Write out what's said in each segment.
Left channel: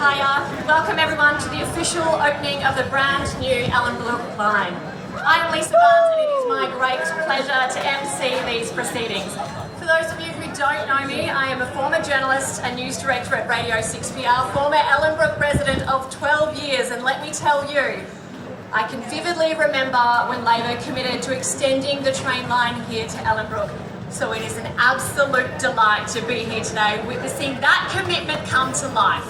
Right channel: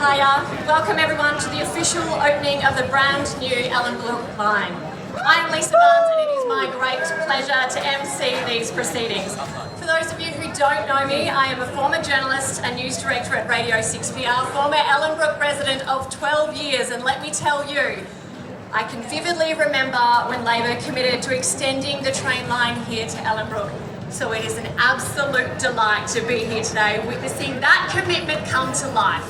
Hiya. Welcome everyone to the official opening of the brand new Ellenbrook Line. I'm Lisa Barnes and it is my great pleasure to MC these proceedings. For those of you who don't know me, I am a former journalist and news director at Radio 6PR, former Ellenbrook resident of 12 years, and let me tell you, I can vividly remember when Labor committed to extending the train line here to Ellenbrook. So it is an absolute delight to be here today, witnessing that commitment come to life.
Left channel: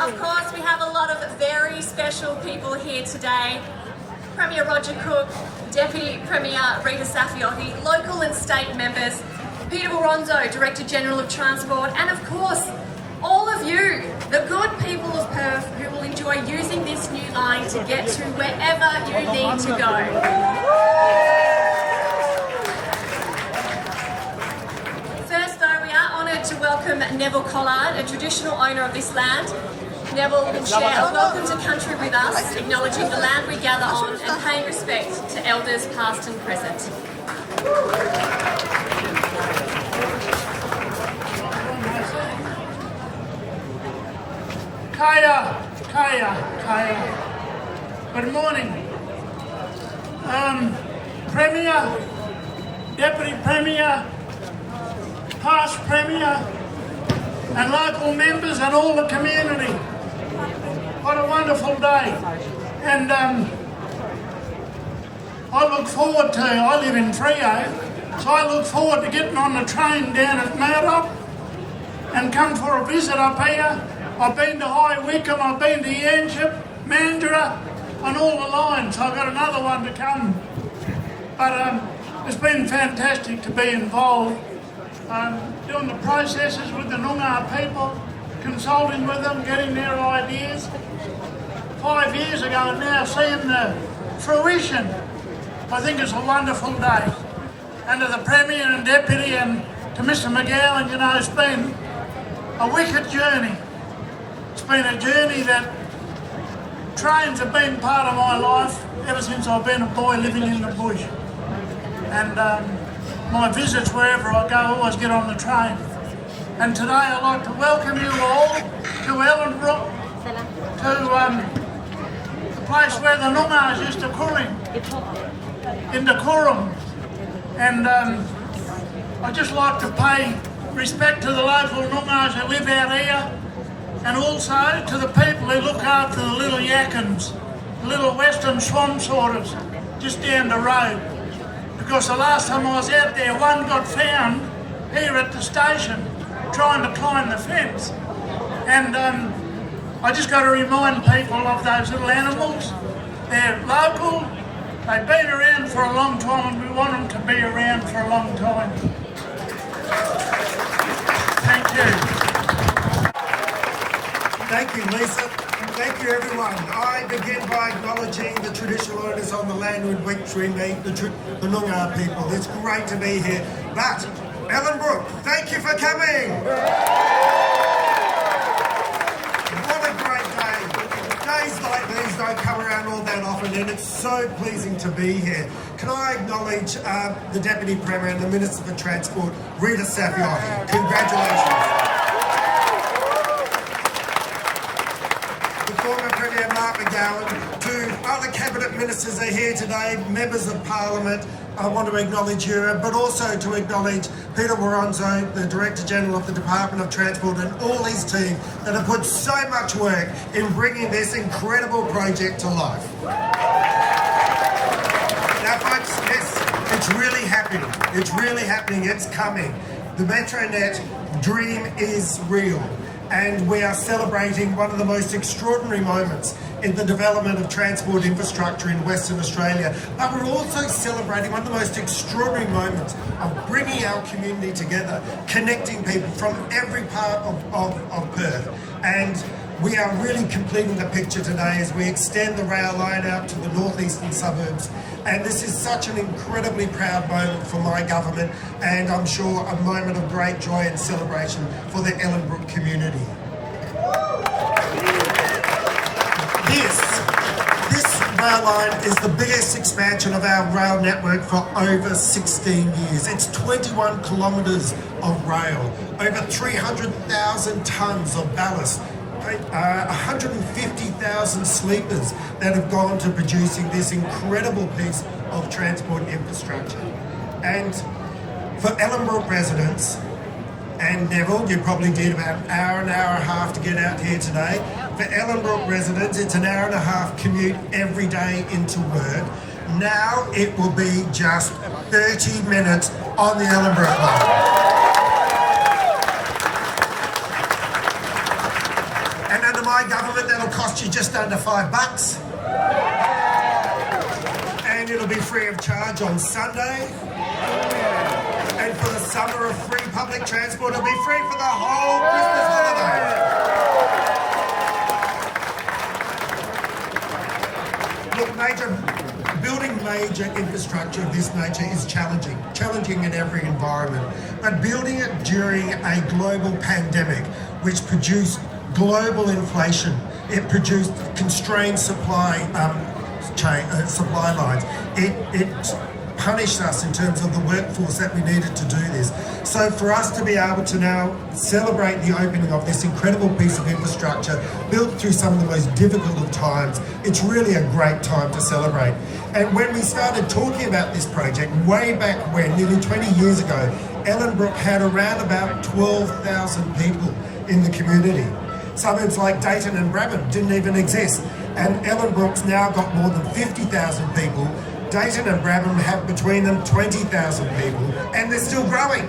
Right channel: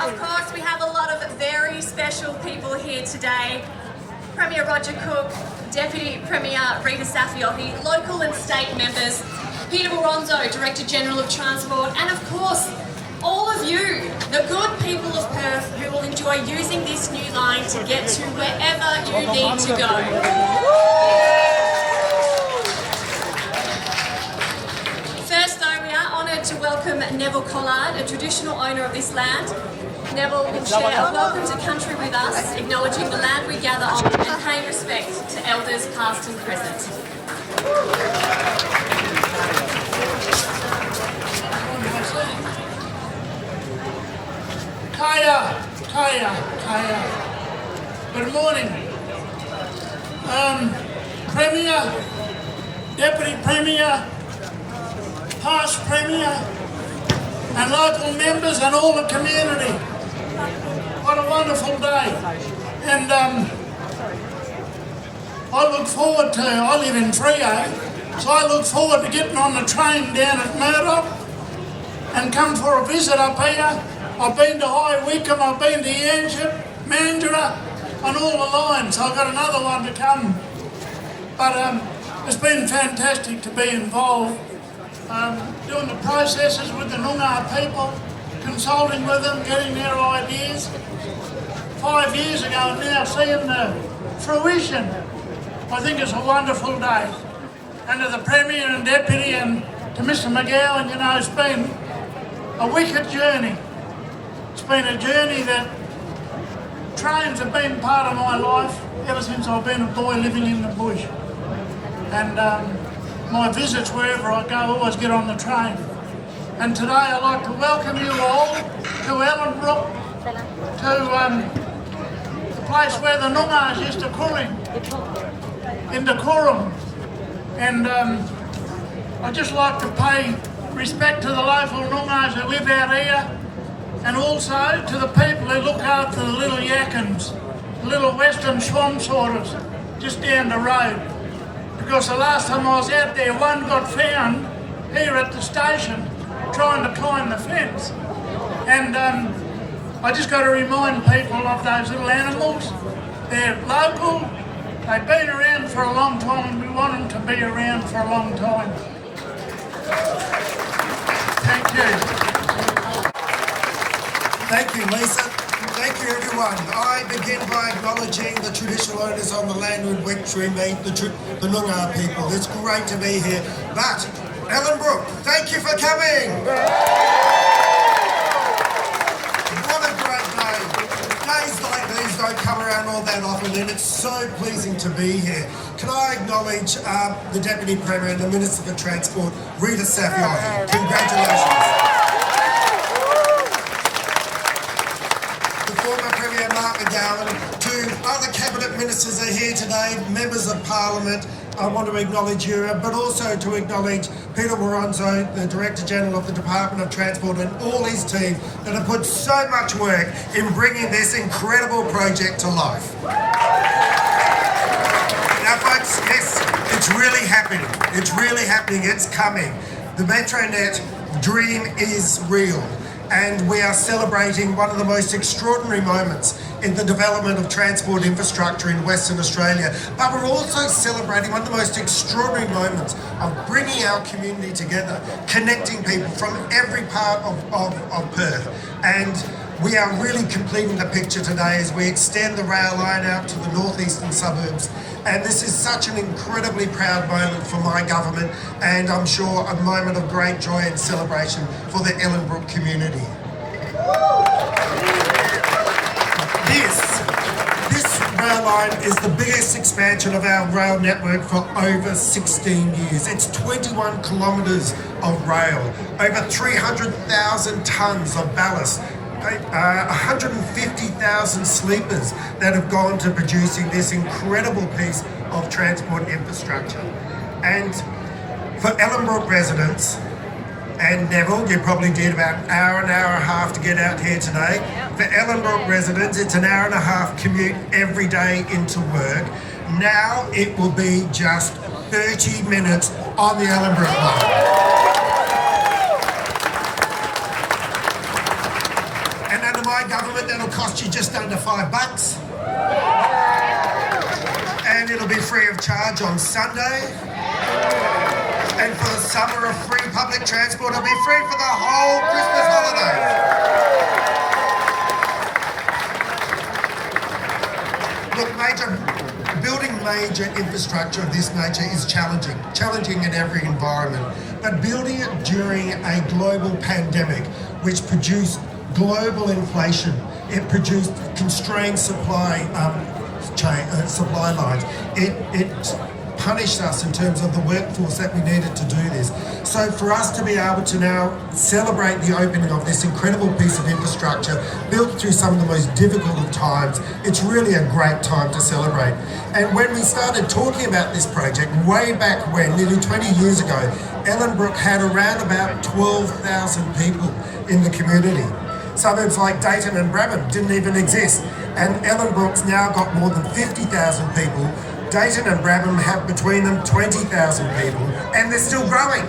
Of course, we have a lot of very special people here today. Premier Roger Cook, Deputy Premier Rita Saffioti, local and state members, Peter Boronzo, Director General of Transport, and of course, all of you, the good people of Perth who will enjoy using this new line to get to wherever you need to go. First though, we are honoured to welcome Neville Collard, a traditional owner of this land. Neville will share a welcome to country with us, acknowledging the land we gather on and paying respect to elders past and present. Kaya. Good morning. Premier, Deputy Premier, past Premier, and local members and all the community. What a wonderful day. And I live in Freo, so I look forward to getting on the train down at Murdoch and come for a visit up here. I've been to High Wycombe, I've been to Yanchep, Mandurah, and all the lines. I've got another one to come. But it's been fantastic to be involved, doing the processes with the Noongar people, consulting with them, getting their ideas. 5 years ago and now seeing the fruition. I think it's a wonderful day. And to the Premier and Deputy and to Mr McGowan, you know, it's been a wicked journey. It's been a journey that trains have been part of my life ever since I've been a boy living in the bush. And my visits wherever I go always get on the train. And today I'd like to welcome you all to Ellenbrook, to the place where the Noongars used to cooling, in the Coram. And I'd just like to pay respect to the local Noongars who live out here, and also to the people who look after the little yakins, the little western swamp sorters just down the road. Because the last time I was out there, one got found here at the station trying to climb the fence. And I just got to remind people of those little animals. They're local, they've been around for a long time, and we want them to be around for a long time. Thank you. Thank you, Lisa. Thank you, everyone. I begin by acknowledging the traditional owners on the land in which we meet, the Noongar people. It's great to be here. But, Ellenbrook, thank you for coming. What a great day. Days like these don't come around all that often, and it's so pleasing to be here. Can I acknowledge the Deputy Premier and the Minister for Transport, Rita Saffioti. Congratulations. Former Premier Mark McGowan, to other Cabinet Ministers are here today, Members of Parliament, I want to acknowledge you, but also to acknowledge Peter Boronzo, the Director General of the Department of Transport, and all his team that have put so much work in bringing this incredible project to life. Now folks, it's really happening. It's really happening. It's coming. The Metronet dream is real. And we are celebrating one of the most extraordinary moments in the development of transport infrastructure in Western Australia. But we're also celebrating one of the most extraordinary moments of bringing our community together, connecting people from every part of Perth. And we are really completing the picture today as we extend the rail line out to the northeastern suburbs. And this is such an incredibly proud moment for my government, and I'm sure a moment of great joy and celebration for the Ellenbrook community. This rail line is the biggest expansion of our rail network for over 16 years. It's 21 kilometres of rail, over 300,000 tonnes of ballast, 150,000 sleepers that have gone to producing this incredible piece of transport infrastructure. And for Ellenbrook residents, and Neville, you probably did about an hour and a half to get out here today. For Ellenbrook residents, it's an hour and a half commute every day into work. Now it will be just 30 minutes on the Ellenbrook Line. And under my government, that'll cost you just under $5. And it'll be free of charge on Sunday. And for the summer of free public transport, it'll be free for the whole Christmas holiday. Look, building major infrastructure of this nature is challenging in every environment. But building it during a global pandemic, which produced global inflation, it produced constrained supply lines. It punished us in terms of the workforce that we needed to do this. So for us to be able to now celebrate the opening of this incredible piece of infrastructure built through some of the most difficult of times, it's really a great time to celebrate. And when we started talking about this project way back when, nearly 20 years ago, Ellenbrook had around about 12,000 people in the community. Suburbs like Dayton and Brabham didn't even exist. And Ellenbrook's now got more than 50,000 people. Dayton and Brabham have between them 20,000 people, and they're still growing.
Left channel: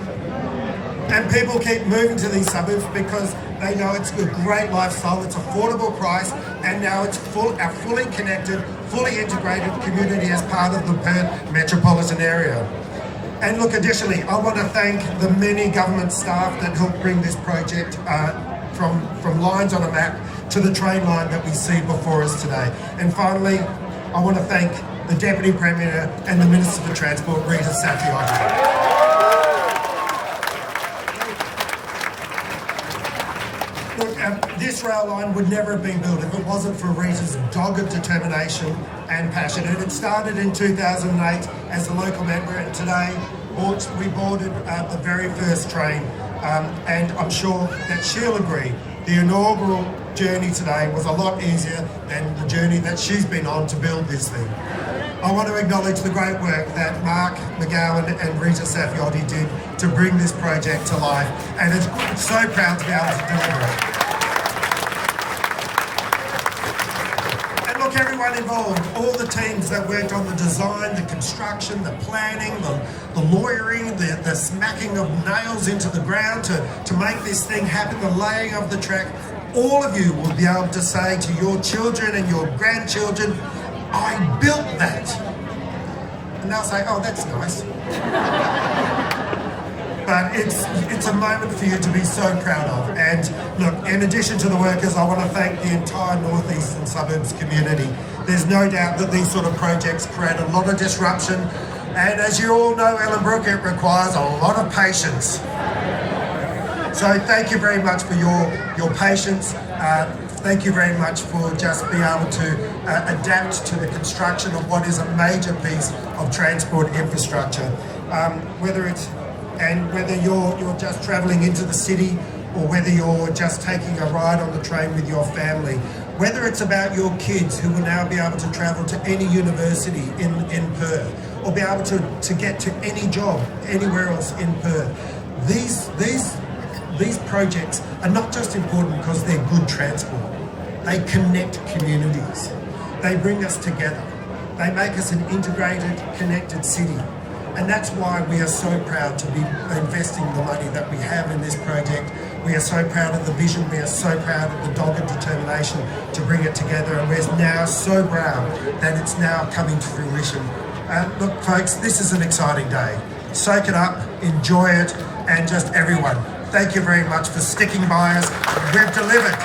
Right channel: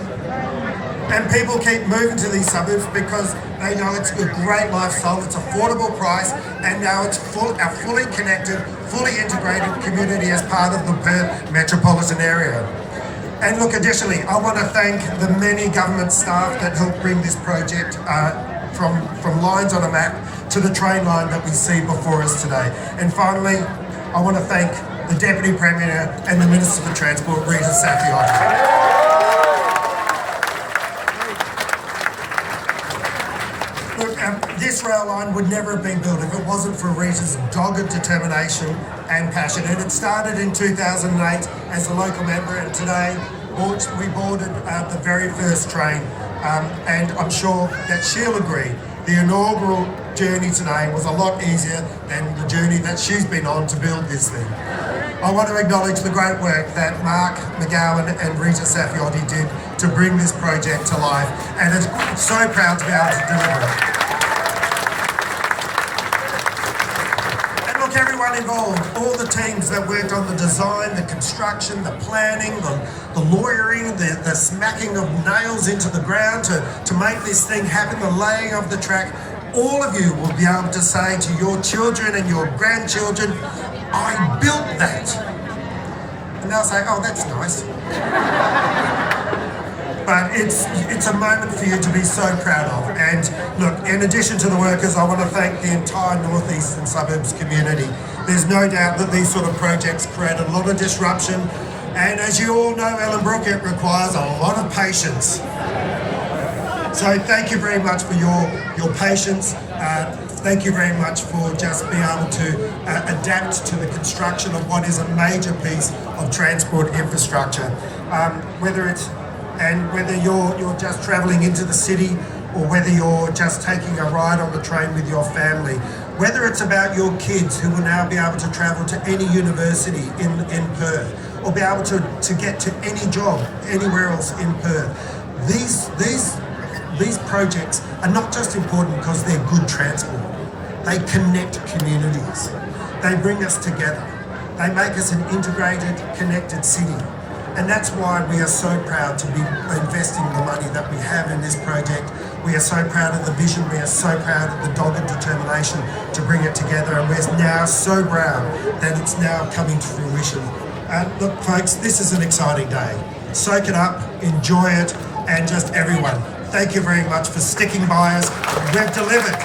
And people keep moving to these suburbs because they know it's a great lifestyle, it's affordable price, and now it's a fully connected, fully integrated community as part of the Perth metropolitan area. And look, additionally, I want to thank the many government staff that helped bring this project from lines on a map to the train line that we see before us today. And finally, I want to thank the Deputy Premier and the Minister for Transport, Rita Saffioti. Look, this rail line would never have been built if it wasn't for Rita's dogged determination and passion. And it started in 2008 as a local member, and today we boarded the very first train. And I'm sure that she'll agree, the inaugural journey today was a lot easier than the journey that she's been on to build this thing. I want to acknowledge the great work that Mark McGowan and Rita Saffioti did to bring this project to life, and it's so proud to be able to deliver it. And look, everyone involved, all the teams that worked on the design, the construction, the planning, the lawyering, the smacking of nails into the ground to make this thing happen, the laying of the track, all of you will be able to say to your children and your grandchildren, I built that. And they'll say, oh, that's nice. But it's a moment for you to be so proud of. And look, in addition to the workers, I want to thank the entire northeastern suburbs community. There's no doubt that these sort of projects create a lot of disruption. And as you all know, Ellenbrook, it requires a lot of patience. So thank you very much for your patience. Thank you very much for just being able to adapt to the construction of what is a major piece of transport infrastructure. Whether you're just travelling into the city, or whether you're just taking a ride on the train with your family, whether it's about your kids who will now be able to travel to any university in Perth, or be able to get to any job anywhere else in Perth. These projects are not just important because they're good transport. They connect communities. They bring us together. They make us an integrated, connected city. And that's why we are so proud to be investing the money that we have in this project. We are so proud of the vision. We are so proud of the dogged determination to bring it together. And we're now so proud that it's now coming to fruition. Look, folks, this is an exciting day. Soak it up, enjoy it, and just everyone, thank you very much for sticking by us. We've delivered.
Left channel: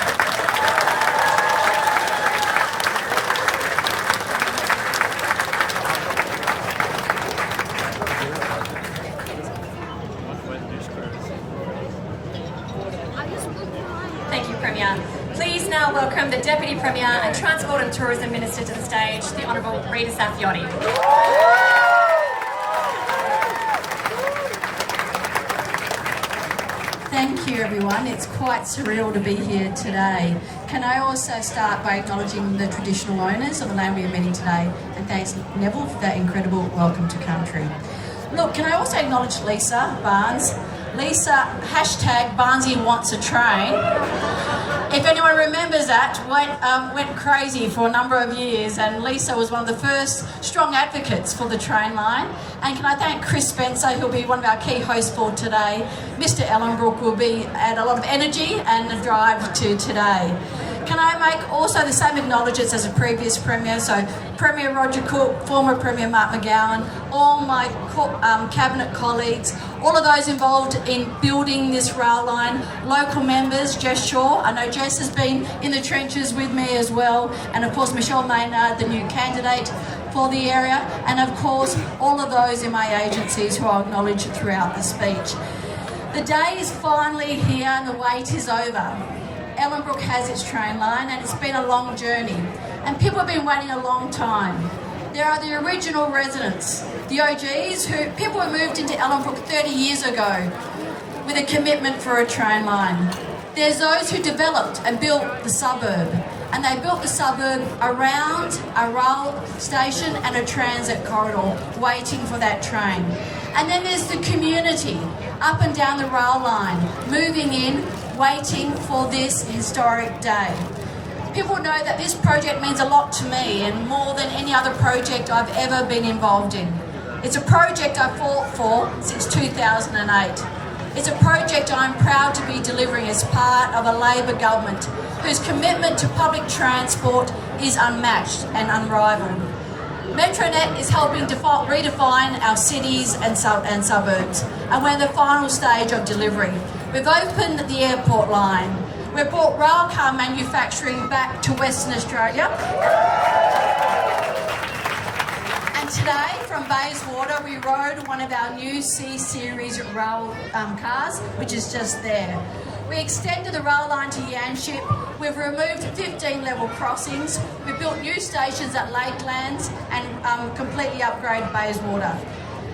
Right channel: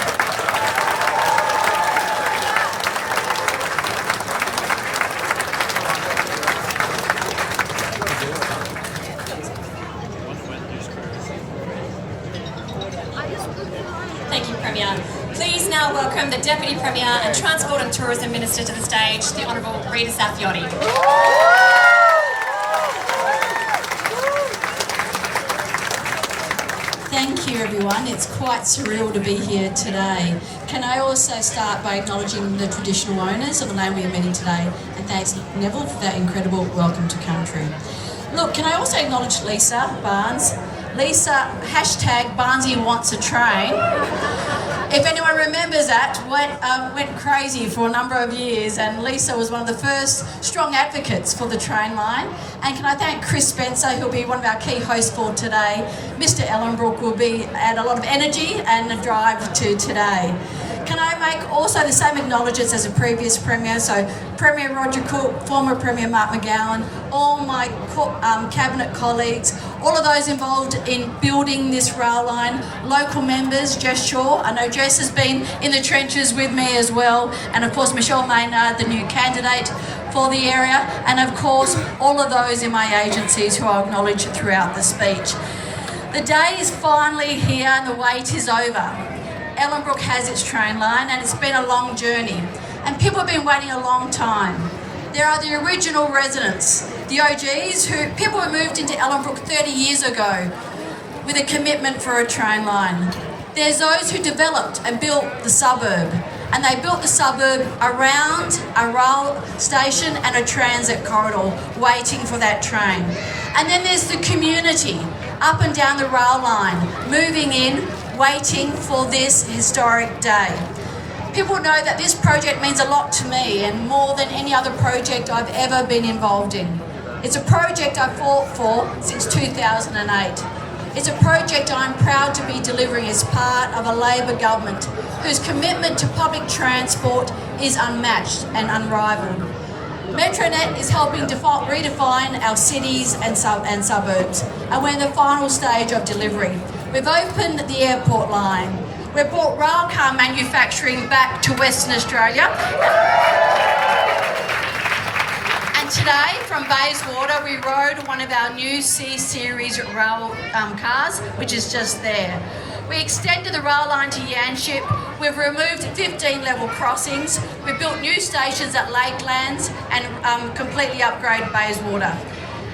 Thank you, Premier. Please now welcome the Deputy Premier and Transport and Tourism Minister to the stage, the Honourable Rita Saffioti. Thank you, everyone. It's quite surreal to be here today. Can I also start by acknowledging the traditional owners of the land we are meeting today, and thanks Neville for that incredible welcome to country. Look, can I also acknowledge Lisa Barnes? Lisa, hashtag Barnesy wants a train. If anyone remembers that, went crazy for a number of years, and Lisa was one of the first strong advocates for the train line. And can I thank Chris Spencer, who'll be one of our key hosts for today. Mr. Ellenbrook will be add a lot of energy and a drive to today. Can I make also the same acknowledgements as the previous Premier, so Premier Roger Cook, former Premier Mark McGowan, all my Cabinet colleagues, all of those involved in building this rail line, local members, Jess Shaw, I know Jess has been in the trenches with me as well, and of course Michelle Maynard, the new candidate for the area, and of course all of those in my agencies who I'll acknowledge throughout the speech. The day is finally here and the wait is over. Ellenbrook has its train line and it's been a long journey and people have been waiting a long time. There are the original residents, the OGs, people who moved into Ellenbrook 30 years ago with a commitment for a train line. There's those who developed and built the suburb, and they built the suburb around a rail station and a transit corridor waiting for that train. And then there's the community up and down the rail line, moving in, waiting for this historic day. People know that this project means a lot to me and more than any other project I've ever been involved in. It's a project I fought for since 2008. It's a project I'm proud to be delivering as part of a Labor government whose commitment to public transport is unmatched and unrivaled. Metronet is helping redefine our cities and suburbs, and we're in the final stage of delivery. We've opened the airport line. We've brought railcar manufacturing back to Western Australia. And today, from Bayswater, we rode one of our new C-Series rail cars, which is just there. We extended the rail line to Yanship. We've removed 15 level crossings. We've built new stations at Lakelands and completely upgraded Bayswater.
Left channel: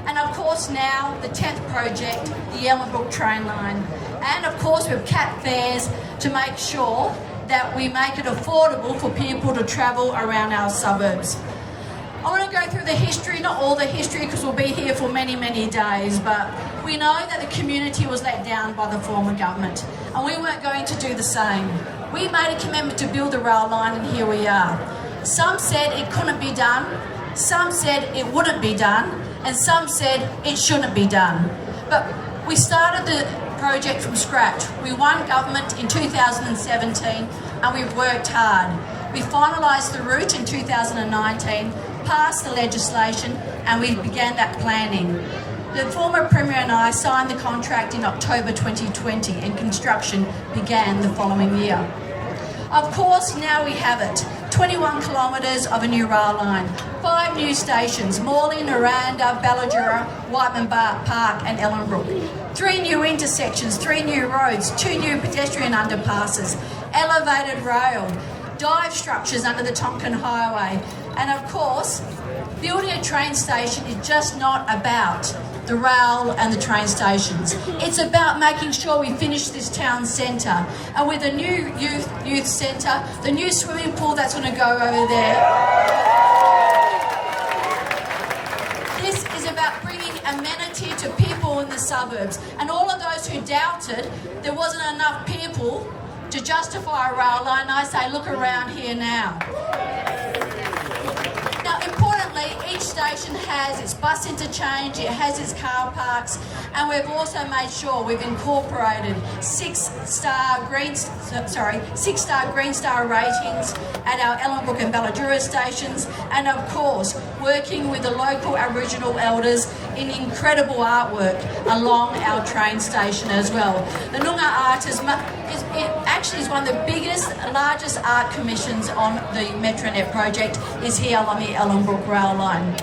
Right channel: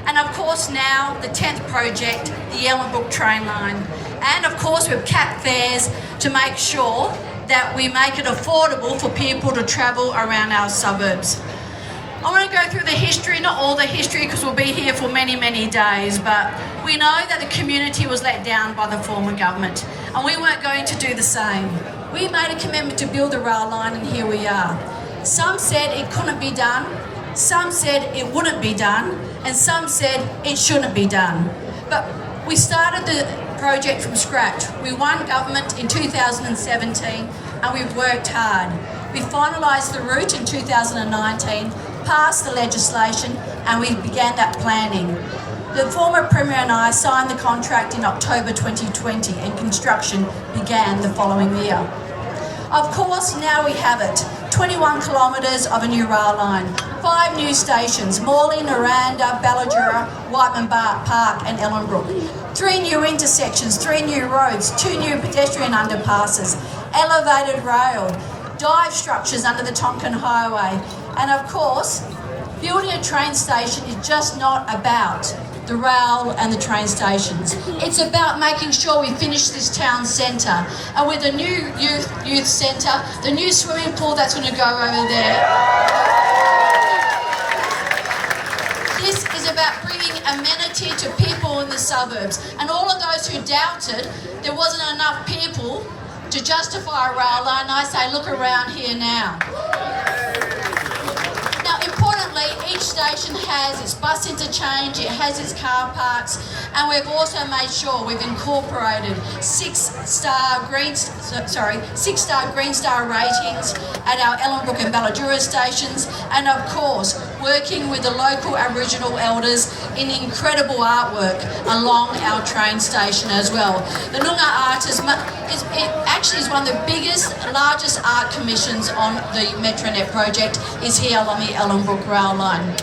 And of course now, the 10th project, the Ellenbrook train line. And of course we've capped fares to make sure that we make it affordable for people to travel around our suburbs. I want to go through the history, not all the history because we'll be here for many, many days, but we know that the community was let down by the former government and we weren't going to do the same. We made a commitment to build the rail line and here we are. Some said it couldn't be done, some said it wouldn't be done, and some said it shouldn't be done. But we started the project from scratch. We won government in 2017 and we've worked hard. We finalised the route in 2019, passed the legislation and we began that planning. The former Premier and I signed the contract in October 2020 and construction began the following year. Of course, now we have it. 21 kilometres of a new rail line, 5 new stations, Morley, Naranda, Ballajura, Whiteman Park and Ellenbrook. 3 new intersections, 3 new roads, 2 new pedestrian underpasses, elevated rail, dive structures under the Tonkin Highway. And of course, building a train station is just not about the rail and the train stations. It's about making sure we finish this town centre. And with the new youth centre, the new swimming pool that's going to go over there. This is about bringing amenity to people in the suburbs. And all of those who doubted there wasn't enough people to justify a rail line, I say, look around here now. Now, importantly, each station has its bus interchange, it has its car parks, and we've also made sure we've incorporated 6-star Green Star ratings at our Ellenbrook and Ballajura stations, and of course, working with the local Aboriginal elders in incredible artwork along our train station as well. The Noongar Art is one of the biggest, largest art commissions on the Metronet project is here along the Ellenbrook rail line.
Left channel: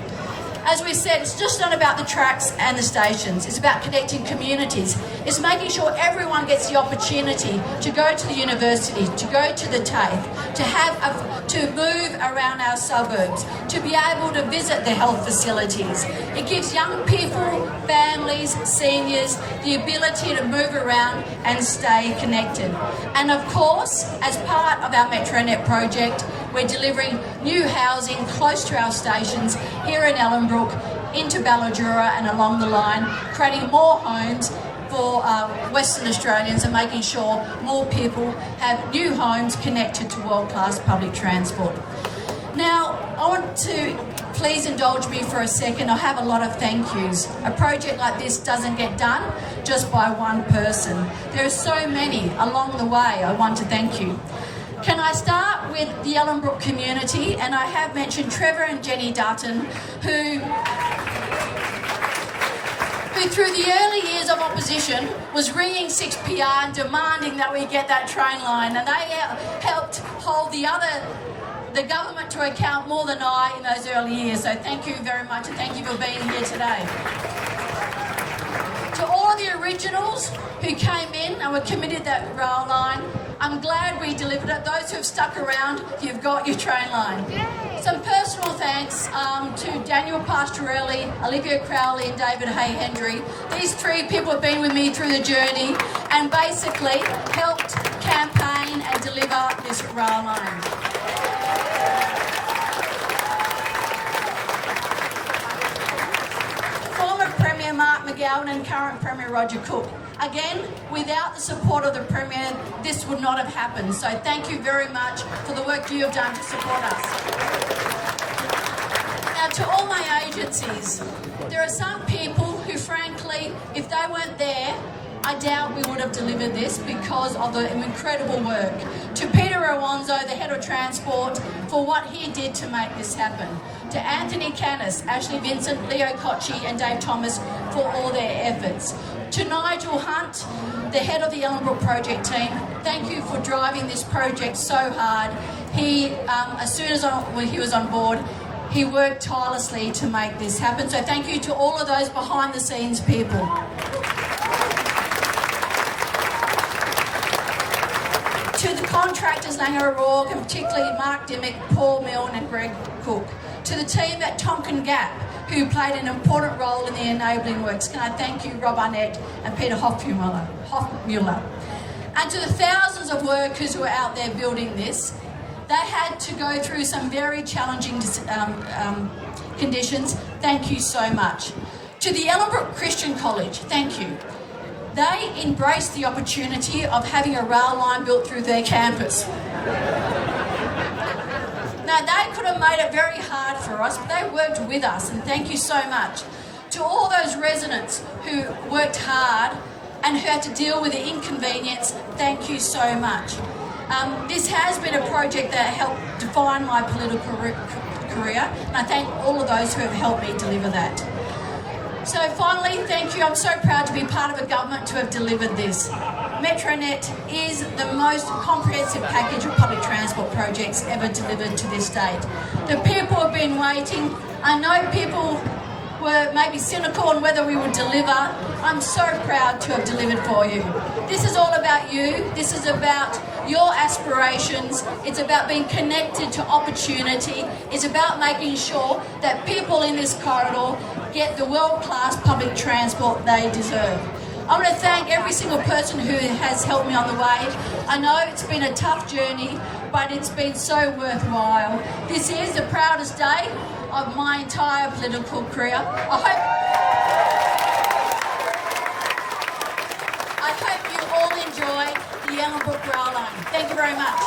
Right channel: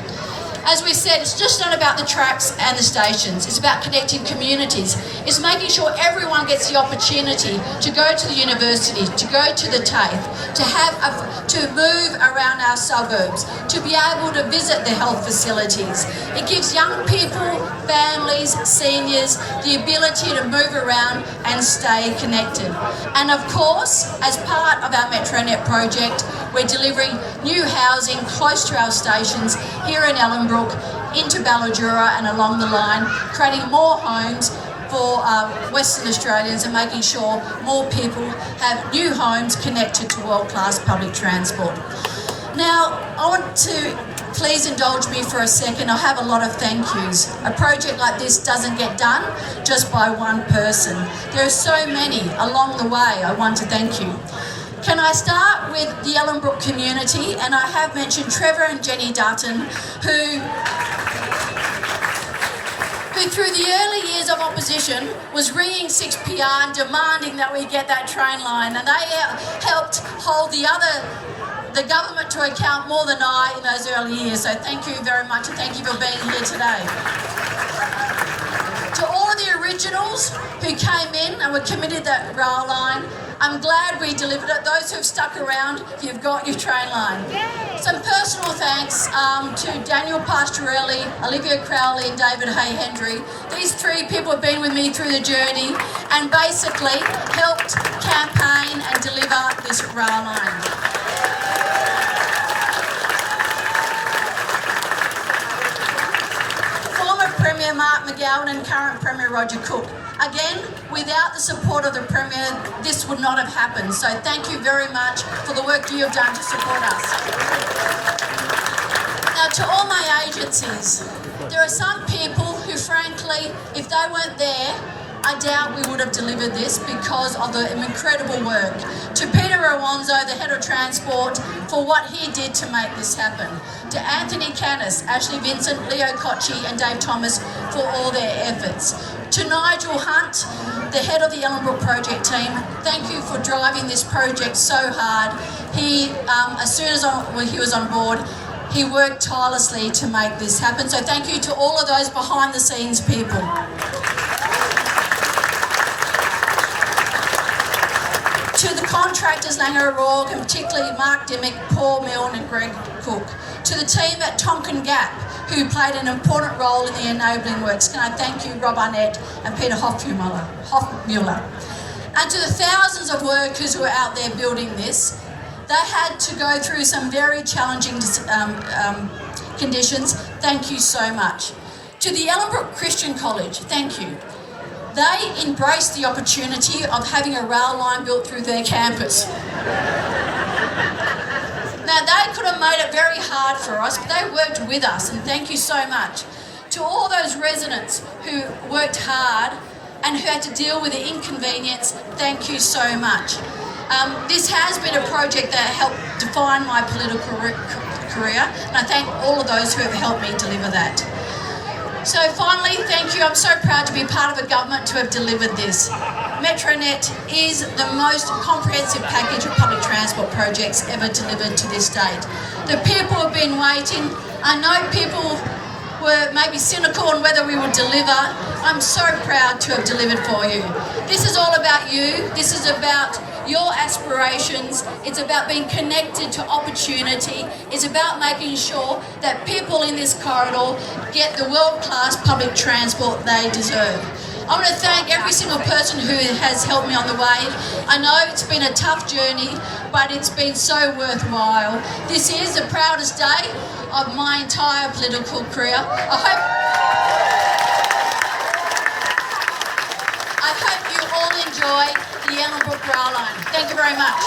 As we said, it's just not about the tracks and the stations. It's about connecting communities. It's making sure everyone gets the opportunity to go to the university, to go to the TAFE, to move around our suburbs, to be able to visit the health facilities. It gives young people, families, seniors the ability to move around and stay connected. And of course, as part of our MetroNet project, we're delivering new housing close to our stations here in Ellenbrook, into Balladura and along the line, creating more homes for Western Australians and making sure more people have new homes connected to world-class public transport. Now, I want to please indulge me for a second. I have a lot of thank yous. A project like this doesn't get done just by one person. There are so many along the way I want to thank you. Can I start with the Ellenbrook community? And I have mentioned Trevor and Jenny Dutton, who through the early years of opposition was ringing 6PR and demanding that we get that train line, and they helped hold the government to account more than I in those early years. So thank you very much, and thank you for being here today. To all of the originals who came in and were committed to that rail line, I'm glad we delivered it. Those who have stuck around, you've got your train line. Some personal thanks to Daniel Pastorelli, Olivia Crowley and David Hay-Hendry. These three people have been with me through the journey and basically helped campaign and deliver this rail line. Former Premier Mark McGowan and current Premier Roger Cook. Again, without the support of the Premier, this would not have happened. So thank you very much for the work you have done to support us. Now, to all my agencies, there are some people who, frankly, if they weren't there, I doubt we would have delivered this because of the incredible work. To Peter Awanzo, the Head of Transport, for what he did to make this happen. To Anthony Canis, Ashley Vincent, Leo Cocci and Dave Thomas for all their efforts. To Nigel Hunt, the head of the Ellenbrook project team, thank you for driving this project so hard. He, as soon as he was on board, he worked tirelessly to make this happen. So thank you to all of those behind the scenes people. To the contractors, Langer O'Rourke, and particularly Mark Dimmick, Paul Milne and Greg Cook. To the team at Tonkin Gap, who played an important role in the enabling works. Can I thank you, Rob Arnett and Peter Hoffmuller. And to the thousands of workers who are out there building this, they had to go through some very challenging conditions. Thank you so much. To the Ellenbrook Christian College, thank you. They embraced the opportunity of having a rail line built through their campus. Now, they could have made it very hard for us, but they worked with us, and thank you so much. To all those residents who worked hard and who had to deal with the inconvenience, thank you so much. This has been a project that helped define my political career, and I thank all of those who have helped me deliver that. So finally, thank you. I'm so proud to be part of a government to have delivered this. MetroNet is the most comprehensive package of public transport projects ever delivered to this date. The people have been waiting. I know people were maybe cynical on whether we would deliver. I'm so proud to have delivered for you. This is all about you. This is about your aspirations. It's about being connected to opportunity. It's about making sure that people in this corridor get the world-class public transport they deserve. I want to thank every single person who has helped me on the way. I know it's been a tough journey, but it's been so worthwhile. This is the proudest day of my entire political career. I hope you all enjoy the Ellenbrook Rail Line. Thank you very much.